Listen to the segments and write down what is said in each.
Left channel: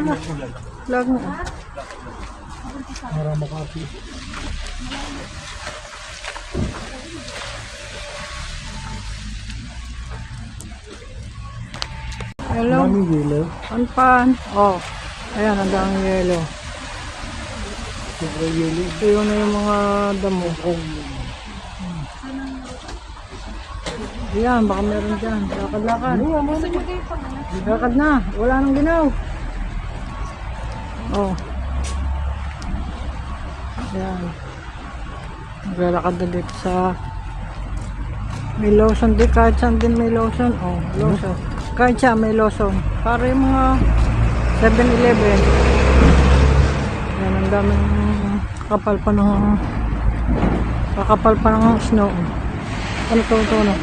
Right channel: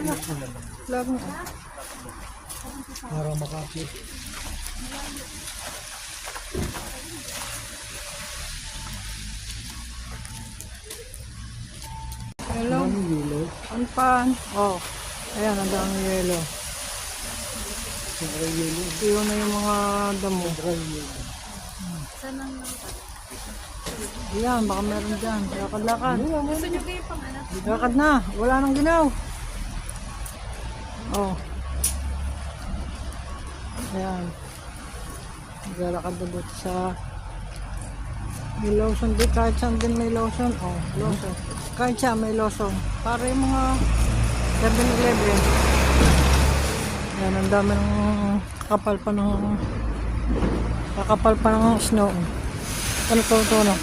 Vlog na. Para makapit. Hello. Daming yelo. Pan. Oh. Ayan, ang daming yelo. Sobrang yelo. Ito yung mga damo. Ayan, baka meron dyan. Lakad-lakad. Lakad na. Wala nang ginaw. Oh. Ayan. Maglalakad na dito sa may lotion. Di kahit saan din may lotion. Oh, lotion. Kahit siya may lotion. Para yung mga 7-Eleven. Ayan, ang daming kakapal pa ng snow. Ano to, ano?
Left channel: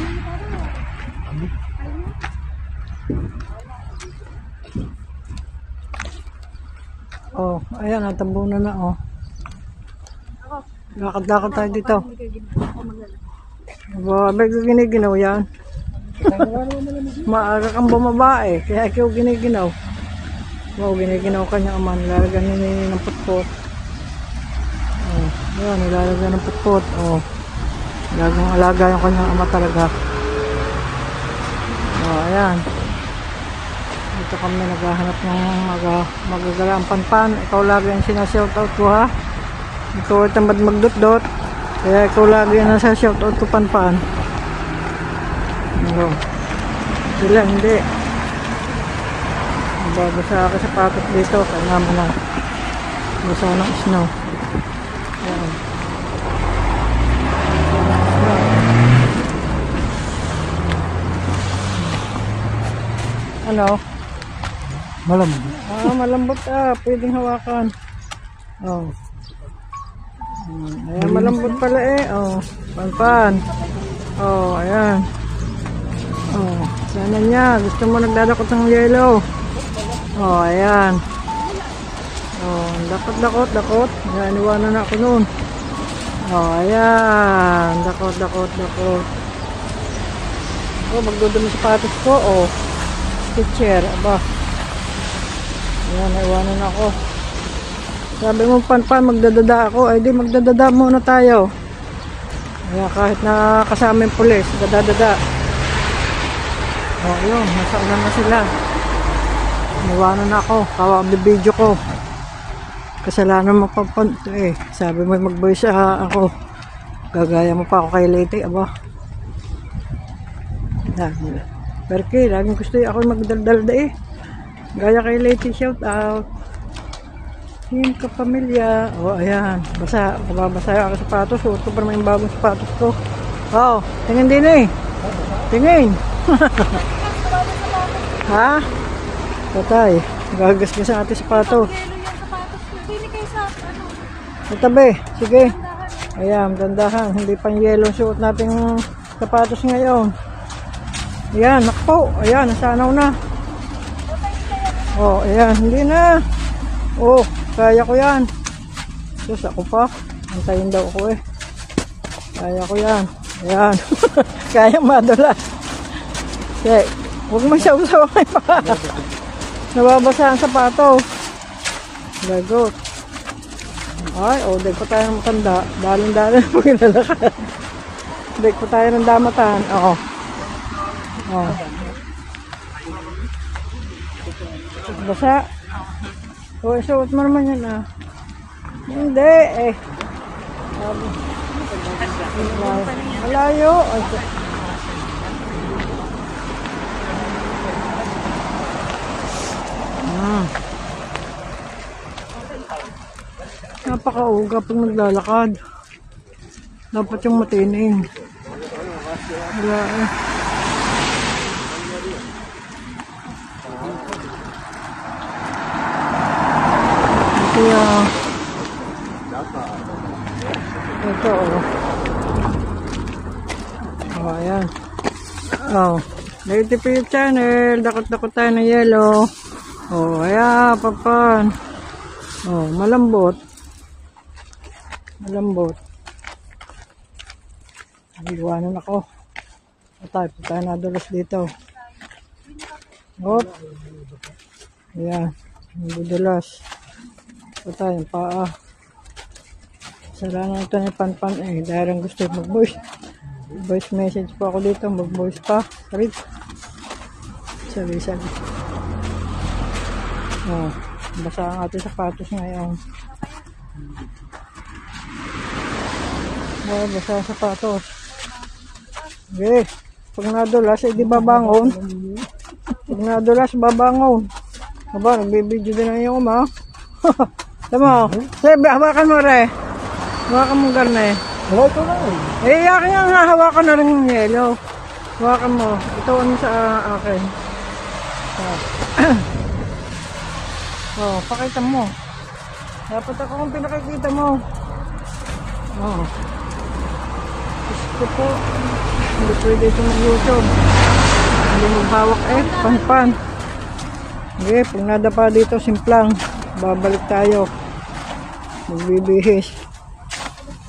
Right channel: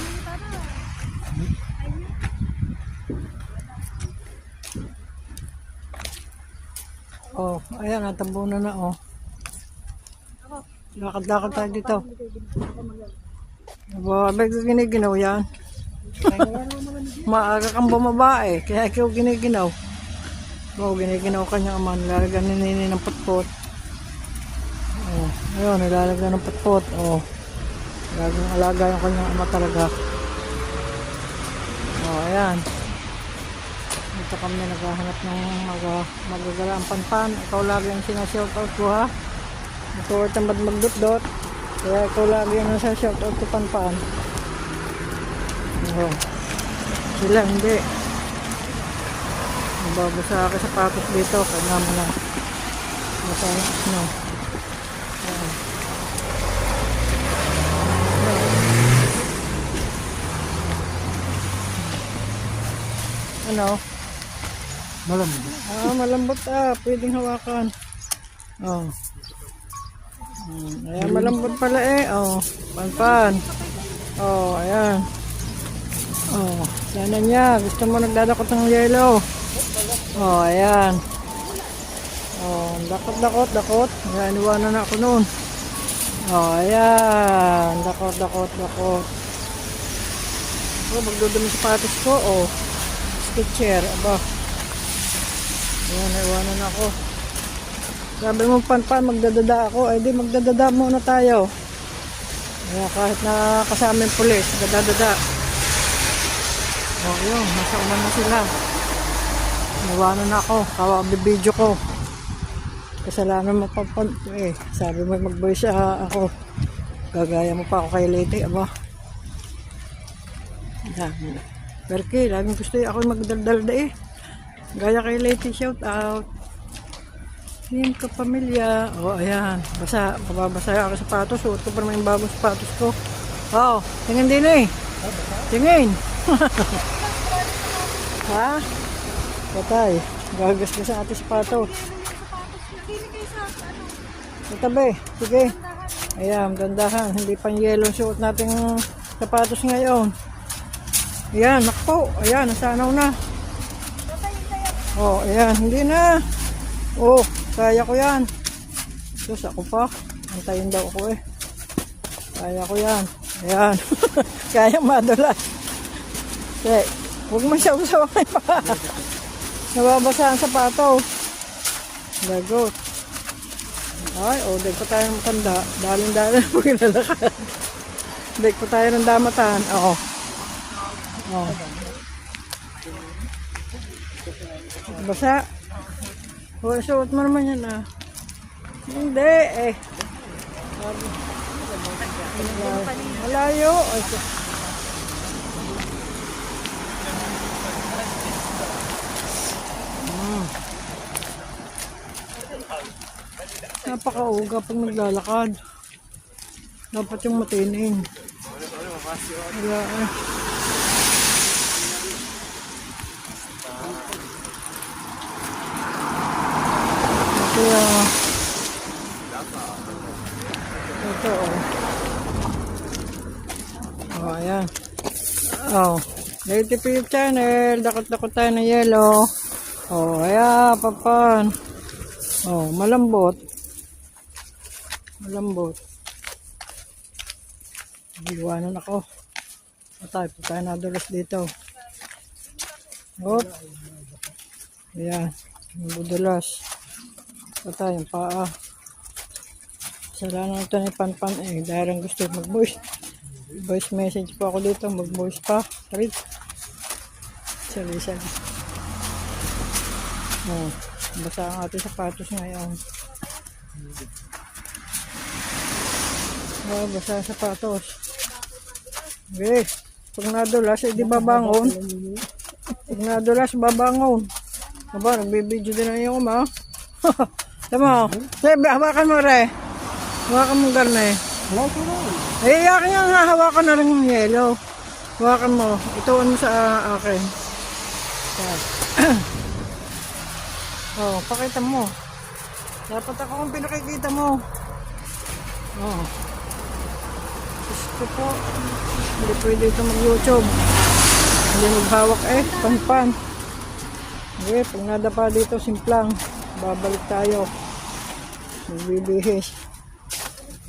Oh, ayan, natambunan na, oh. Lakad-lakad tayo dito. May giniginaw yan. Maaga kang bumaba eh, kaya ikaw giniginaw. Oo, giniginaw kanya aman, lalagyan nini ng putpot. Oh, ayan, nilalagyan ng putpot. Oh, laging alaga yung kanyang ama talaga. Oh, ayan. Dito kami naghahanap ng magagalang panpan. Ikaw lagi ang sinashoutout ko ha. Ito ay tamad magdot-dot. Kaya ikaw lagi ang nasa-shoutout ko panpan. Ano? Sila hindi. Babasa ako sa patot dito. Kaya naman na. Gusto ng snow. Ayan. Ano? Malambot. Malambot pwedeng hawakan. Oh. Ayan, malambot pala eh. Oh, panpan. Oh, ayan. Oh, sana niya. Gusto mo nagdadakot ng yellow. Oh, ayan. Oh, dakot. Ayan, iwanan na ako noon. Oh, ayan. Dakot. Oh, magdudumi sapatos ko. Oh, stitcher. Aba. Ayan, naiwanan ako. Sabi mo panpan, magdadada ako. Ay di, magdadada muna tayo. Ayan, kahit na kasama yung pulis, magdadada. Oh, yun, nasa una na sila. Naiwanan ako, video ko. Kasalanan mo papunta eh. Sabi mo mag-voice ako. Gagaya mo pa ako kay Lady, aba. Ayan. Berke, laging gusto ako magdaldalda eh. Gaya kay Lady, shout out. Yan ka pamilya. Oh, ayan. Babasaya ako sa sapatos. Suot ko pa naman yung bagong sapatos ko. Oh, tingin din eh. Tingin. Ha? Patay. Gagas ka sa ating sapatos. Sa tabi. Sige. Ayan, gandahan. Hindi pang yellow suot natin sapatos ngayon. Ayan, nakpo. Ayan, nasanaw na. Oh, ayan. Hindi na. Oh, kaya ko yan. Diyos, ako pa. Antayin daw ako eh. Kaya ko yan. Ayan. Kaya madala. Okay. Huwag mo siya usaway pa. Nababasa ang sapatos. Gagot. Ay, oh, deg pa tayo ng matanda. Daling-daling na paglalakad. Deg pa tayo ng damatan. Oo. Oh. Basa. O, suot mo naman yan ah. Hindi eh. Malayo. Napakauga pag naglalakad. Dapat yung matining. Wala eh. Ito oh, ayan. Oh, Lady P channel. Dakot-dakot tayo ng yellow. Oh, ayan, papan. Oh, malambot. Iwanan ako. Patay nadulas dito. Oh. Ayan. Madulas. Ito tayo, paa. Salamat ito ni Panpan eh. Dahil ang gusto mag-voice. Voice message pa ako dito. Mag-voice pa. Sabi. Oh, basa ang ating sapatos ngayon. Oh, basa ang sapatos. Okay. Pag nadulas, hindi babangon. Pag nadulas, babangon. Aba, nagbibideo din na yung uma. Tama mo? Sabi, hawakan mo re. Hawakan mo garne. Wala ito na eh. Eh, akin nga, hawakan na rin yung yellow. Hawakan mo. Ito ano sa akin. Oh, pakita mo. Dapat ako kung pinakikita mo. Oh. Gusto po. Pwede ito mag-YouTube. Ano magbawak eh, Panpan. Okay, pag nadapa dito, simplang. Babalik tayo. Magbibihis.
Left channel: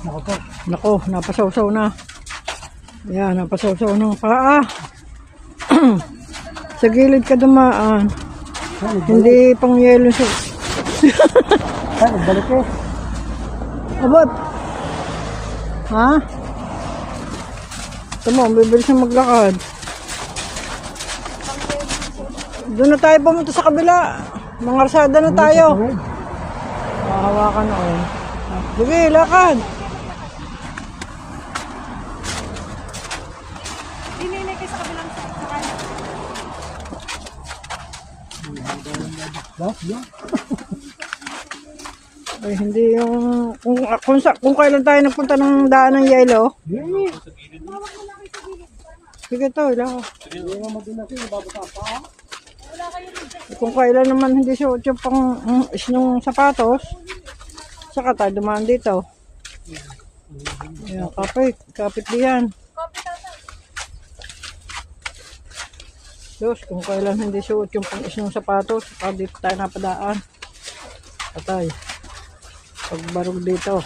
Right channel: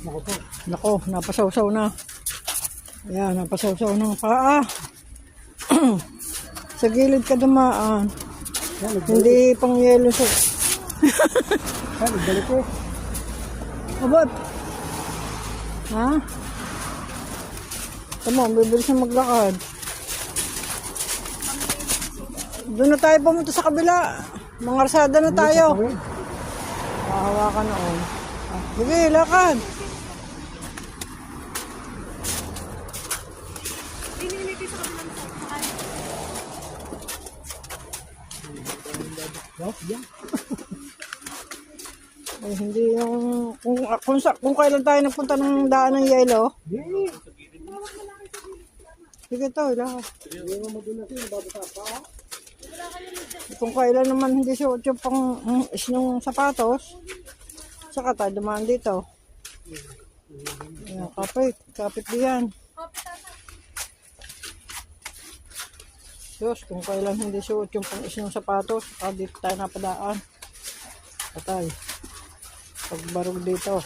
Naku po. Nako, napasawsaw na. Yan, napasawsaw ng paa. Sa gilid ka dumaan. Hindi pang yelo siya. Nagbalik ko. Abot. Ha? Ito mo, bibilis na maglakad. Doon na tayo pumunta sa kabila. Mangarsada na tayo. Hawakan na oh. Sige, lakad. Dinilay kayo sa kabilang sakit. Ay, hindi yung... Kung kailan tayo nagpunta ng daan ng yelo. Sige to, lakad. Kung kailan naman hindi siya utyo pang isnong sapatos, saka tayo dumaan dito. Ayan, kapit diyan. Diyos, kung kailan hindi siya utyo pang isnong sapatos, saka dito tayo napadaan. Patay. Pagbarog dito.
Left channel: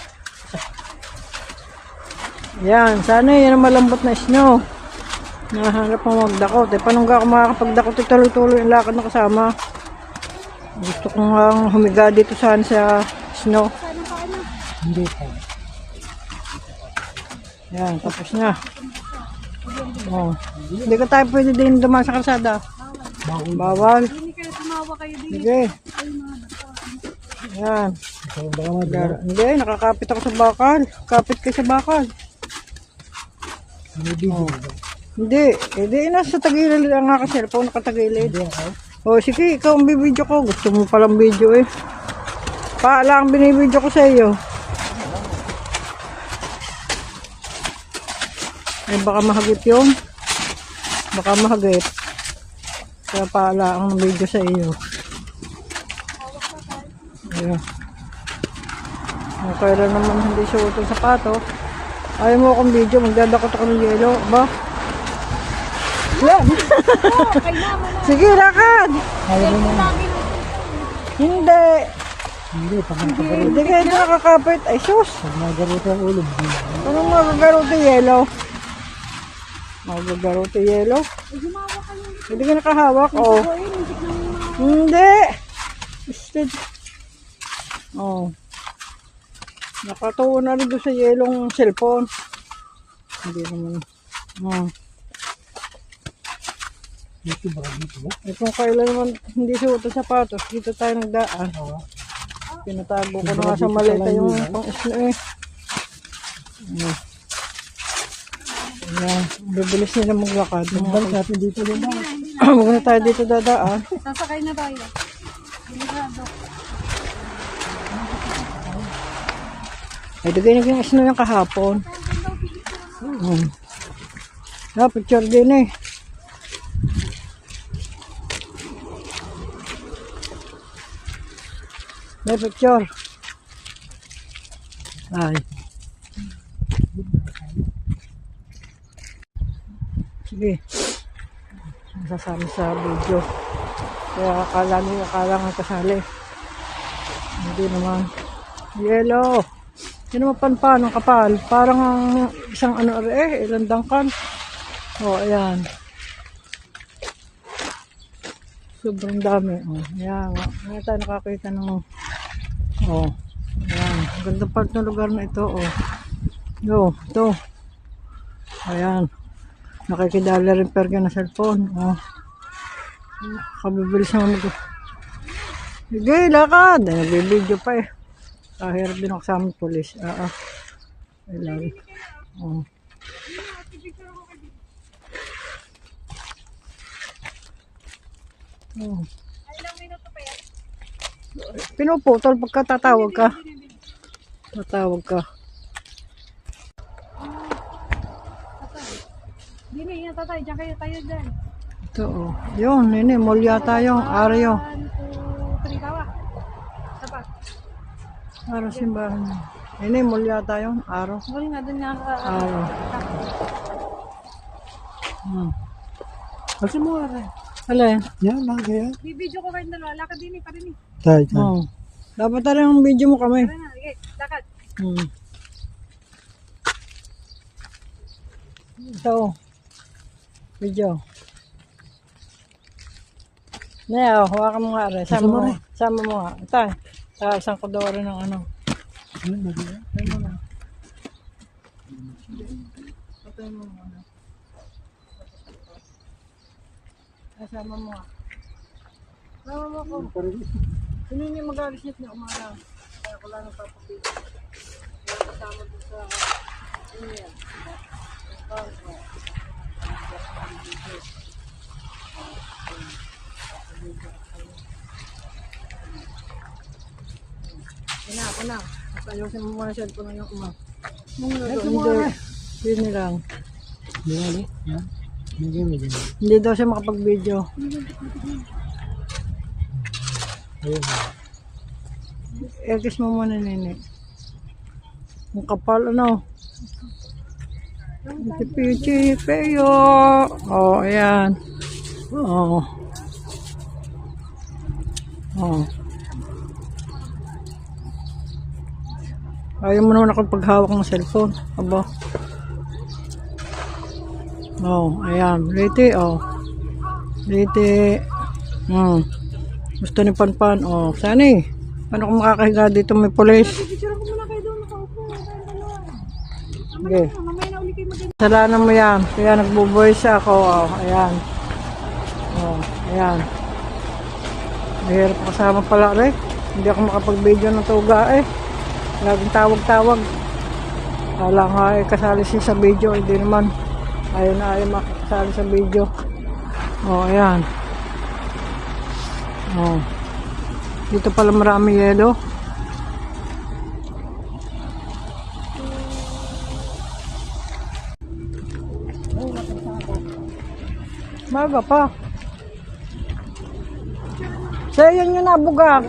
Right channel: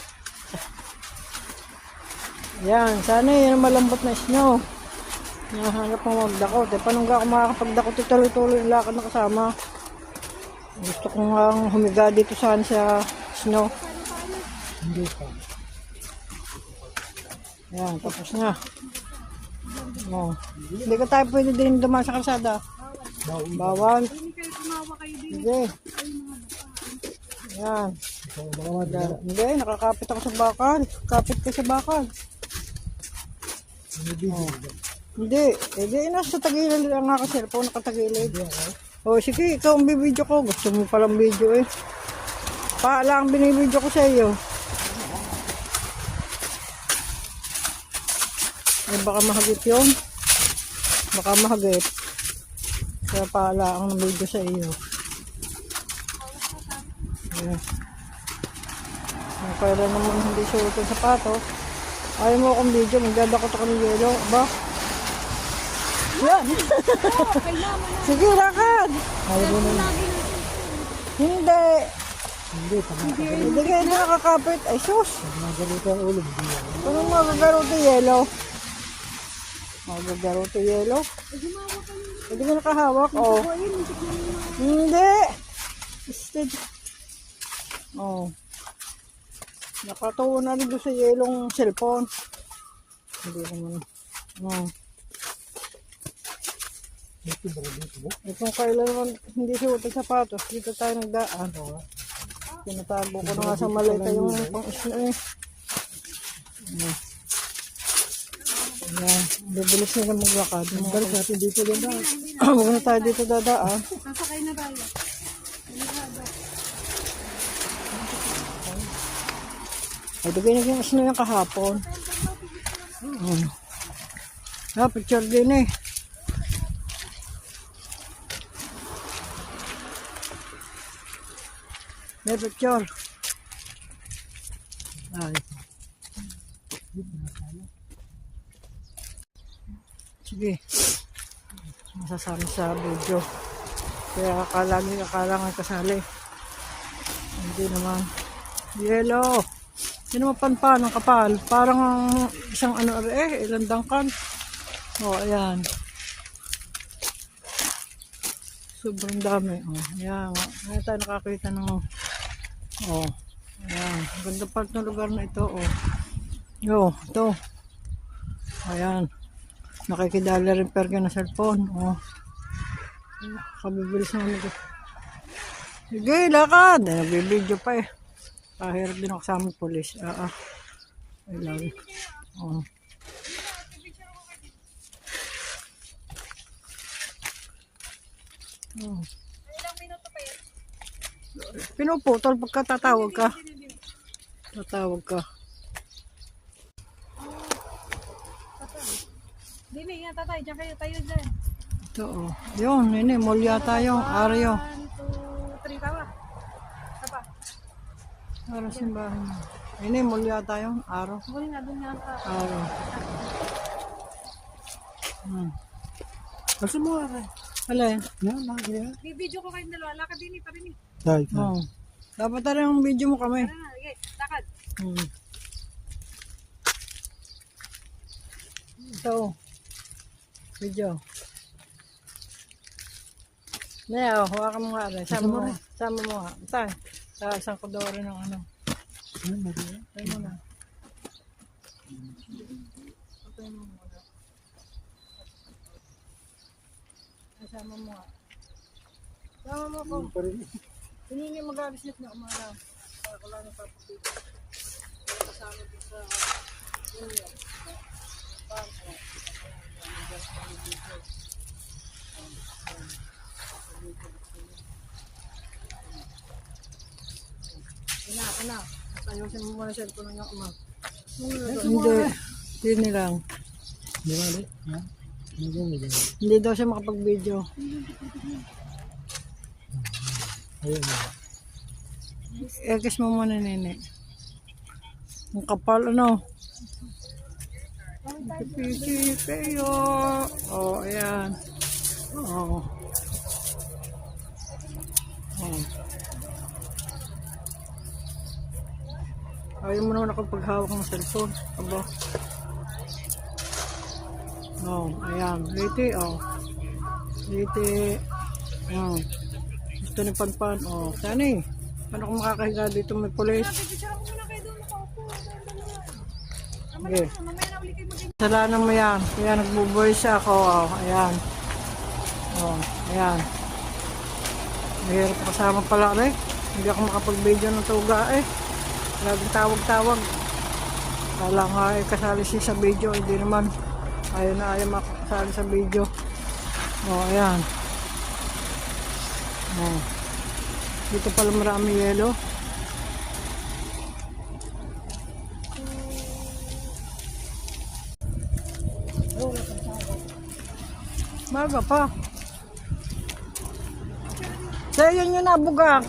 Ayan, sana yan ang malambot na snow. Nahanap mo magdakot. Eh, paano nga ako makakapagdakot at tuloy-tuloy ang lakad na kasama? Gusto ko nga humiga dito saan sa snow. Hindi pa. Yan, tapos na. Oh. Hindi ka tayo pwede din dumaan sa kalsada. Bawal. Hindi kayo tumawa kayo din. Sige. Yan. Hindi, nakakapit ako sa bakal. Kapit ka sa bakal. Hindi, nasa tagilid lang nga kasi cellphone nakatagilid. O sige, ikaw ang bibidyo ko. Gusto mo palang video eh. Paala ang binibidyo ko sa iyo. Eh baka mahagip yun. Baka mahagip. Kaya paala ang video sa iyo. Ayan. Kung kailan naman hindi suot ang sapatos. Ayaw mo akong video, magdadakot ako ng yelo. Ba? Yan. Sige, lakad. Kaya mo na. Hindi. Pag Hindi kayo nakakapit. Ay, sus. nagaruto ang ulo, hindi. Anong magagarote yelo? Magagarote yelo? Hindi ka nakahawak. Oh. Hindi. Instead. Oh. Nakatuwa na rin doon sa yelong cellphone. Hindi naman. Oh. Dito ba? Dito ba? Eh, kung kailan naman hindi suot ang sapatos, dito tayo nagdaan. Pinatago ko na nga sa maleta yung pang-isno eh. Ayan. Bibilis nila maglakad. Balik natin dito din na. Huwag na tayo dito dadaan. Sasakay na tayo. Delikado. Pwede ganyan yung isno yung kahapon. Picture din eh. May picture. Ay. Sige. Masasama sa video. Kaya akala nga kasali. Hindi naman. Yellow. Hindi naman Panpan ang kapal. Parang ang isang ano ilang dangkan. O, ayan. Sobrang dami. Oh, yan. Ngayon tayo nakakita ng oh, ayan. Ganda part ng lugar na ito. Oh, ito. Ayan. Nakikidala rin perga na cellphone. Oh. Kabibilis naman ito. Sige, lakad. Nagbibideo pa eh. Kahirap din ako sa aming polis. Ayan. Oh. Oh. Ilang minuto pa yan? Pinuputol pagka tatawag ka. Tatawag ka. Dini, ingat tayo. Diyan kayo tayo dyan. Ito oh. Yun, nini, mall yata yung Aryo. 1, 2, 3, tawa. Sapa. Aryo simbahan. Nini, mall yata yung Aryo. Mall nga dun nga. Aryo. Kasi mo rin. Alin? Yan lang kaya. Bibidyo ko kayo dalawa. Lakad din pa rin eh. Tay, tay. Oh. Dapat talaga yung video mo kami. Tara na, sige. Lakad. Ito. Video. Naya, hawakan mo nga rin. Sama mo. Sama mo nga. Ito. Isang kodoro ng ano. Ito mo na. Ito mo na. Sama mo nga. Sama mo ko. Sino yung mag-alis niya na umana? Kaya ko lang napapapili. Kasama ko sa... Ano yan? Ako na. Ayusin mo muna siya. Kung ano mo. Hindi lang. Yan. Yan. Hindi daw siya makapag-video. Ayun. Ergas mo muna, nene. Ang kapal, ano? Pichi, peyo. Oh, ayan. Oh. Oh. Ayaw mo naman ako paghawak ng cellphone. Aba. Oh, ayan. Liti, oh. Liti. Gusto ni Panpan. Oh, sani. Paano kung makakahiga dito may pulis? Picture ko muna kayo doon. Nakaupo. Okay. Mamaya na ulit kayo mag- Salanan mo yan. Kaya nagbo-voice ako. Oh, ayan. Oh, ayan. Mahirap kasama pala rin. Hindi ako makapag-video ng tuga eh. Laging tawag-tawag. Kala nga eh, kasali siya sa video. Hindi naman. Ayaw na ayaw makakasali sa video. Oh, ayan. Oh. Dito pala marami yelo. Maga pa. Yan yung nabuga.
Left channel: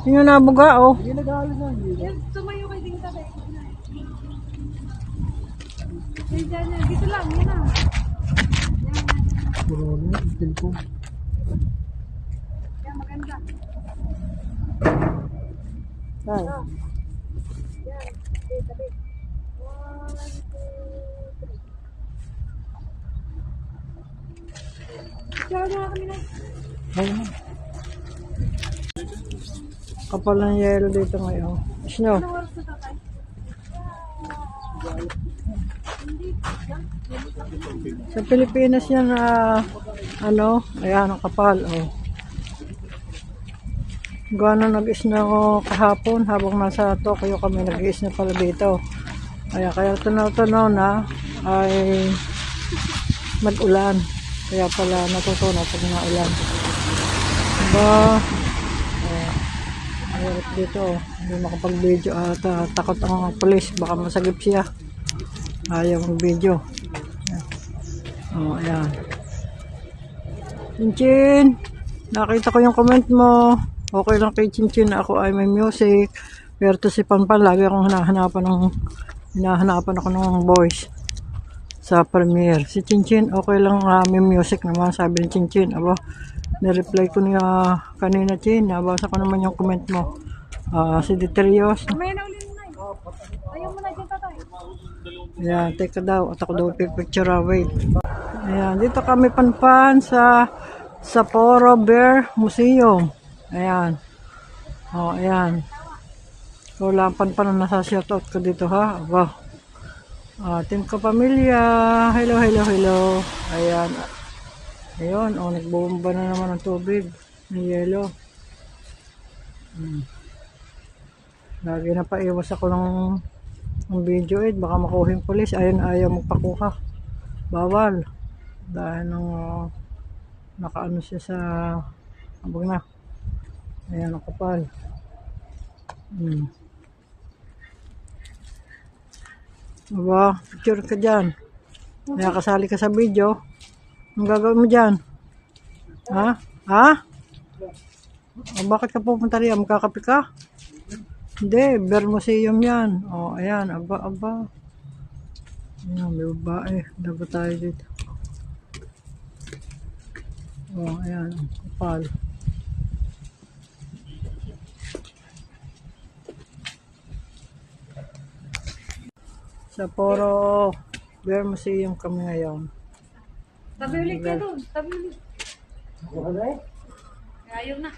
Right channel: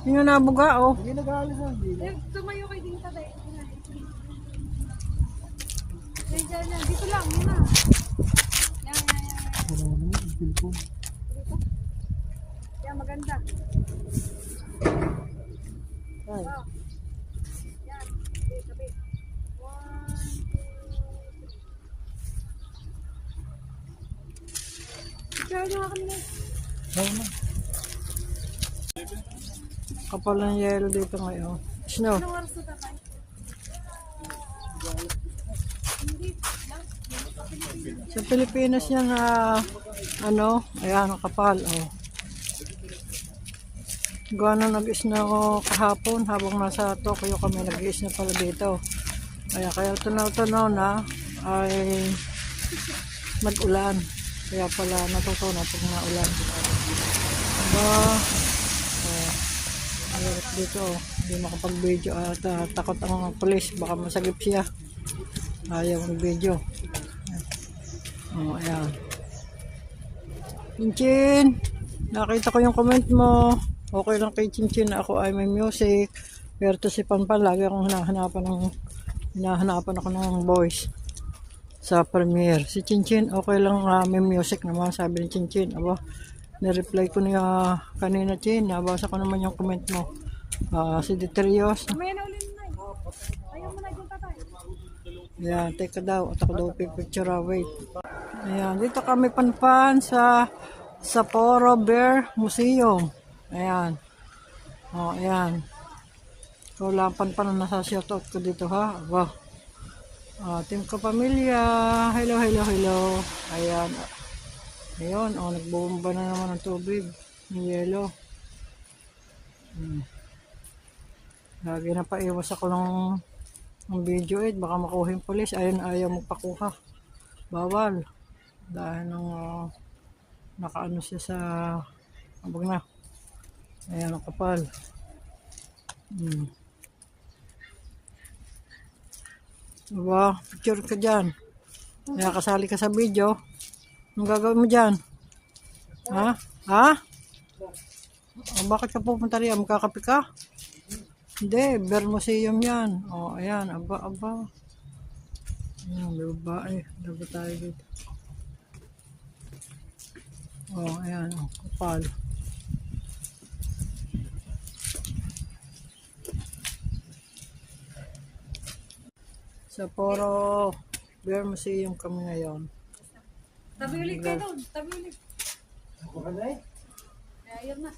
Yun yung nabuga, oh. Hindi nag-aalis na. Tumayo kayo din tatay. Yan dyan na. Dito lang. Yan na. Yan. Puro na. Cellphone. Yan maganda. Ay. Yan. Okay, tabi. 1, 2, 3. Diyan na kami na. Ayun na. Kapal ng yelo dito ngayon. Snow. Anong oras na tatay? Sa Pilipinas yan na ayan ang kapal. Oh. Gano'n nag-isna ako kahapon habang nasa Tokyo kami nag-isna pala dito. Kaya tunaw-tunaw na ay mag-ulan. Kaya pala natutunaw pag naulan. Diba? Dito, hindi makapag-video at takot ang polis. Baka masagip siya. Ayaw mag-video. Oh, ayan. Chinchin, nakita ko yung comment mo. Okay lang kay Chinchin na ako ay may music. Pero to si Panpan, lagi akong hinahanapan ako ng voice sa premiere. Si Chinchin, okay lang may music naman, sabi ni Chinchin. Aba, nireply ko niya kanina, Chin. Nabasa ko naman yung comment mo. Si Deterios. Mamaya na ulit na. Ayaw mo na dyan tatay. Ayan, teka daw. At ako daw pipicture. Wait. Ayan, dito kami Panpan sa Sapporo Bear Museum. Ayan. Oh, ayan. So, lampan pa na nasa shoutout ko dito ha. Aba. Team Kapamilya. Hello, hello, hello. Ayan. Ayun. Oh, nagbomba na naman ng tubig. Ng yelo. Lagi na paiwas ako ng video baka makuha yung pulis. Ayun, ayaw magpakuha. Bawal. Dahil nang nakaano siya sa abang na. Ayan ang kapal. Diba? Picture ka dyan. Kaya kasali ka sa video. Anong gagawin mo dyan? Ha? Ha? Bakit ka pupunta riyan? Magkakape ka? Hindi, Bear Museum yan. Ayan, aba. Ayan, may babae. Dapat tayo dito. Ayan, kapal. Sapporo Bear Museum kami ngayon. Tabi ulit ka doon. Tabi ulit. Ayaw na.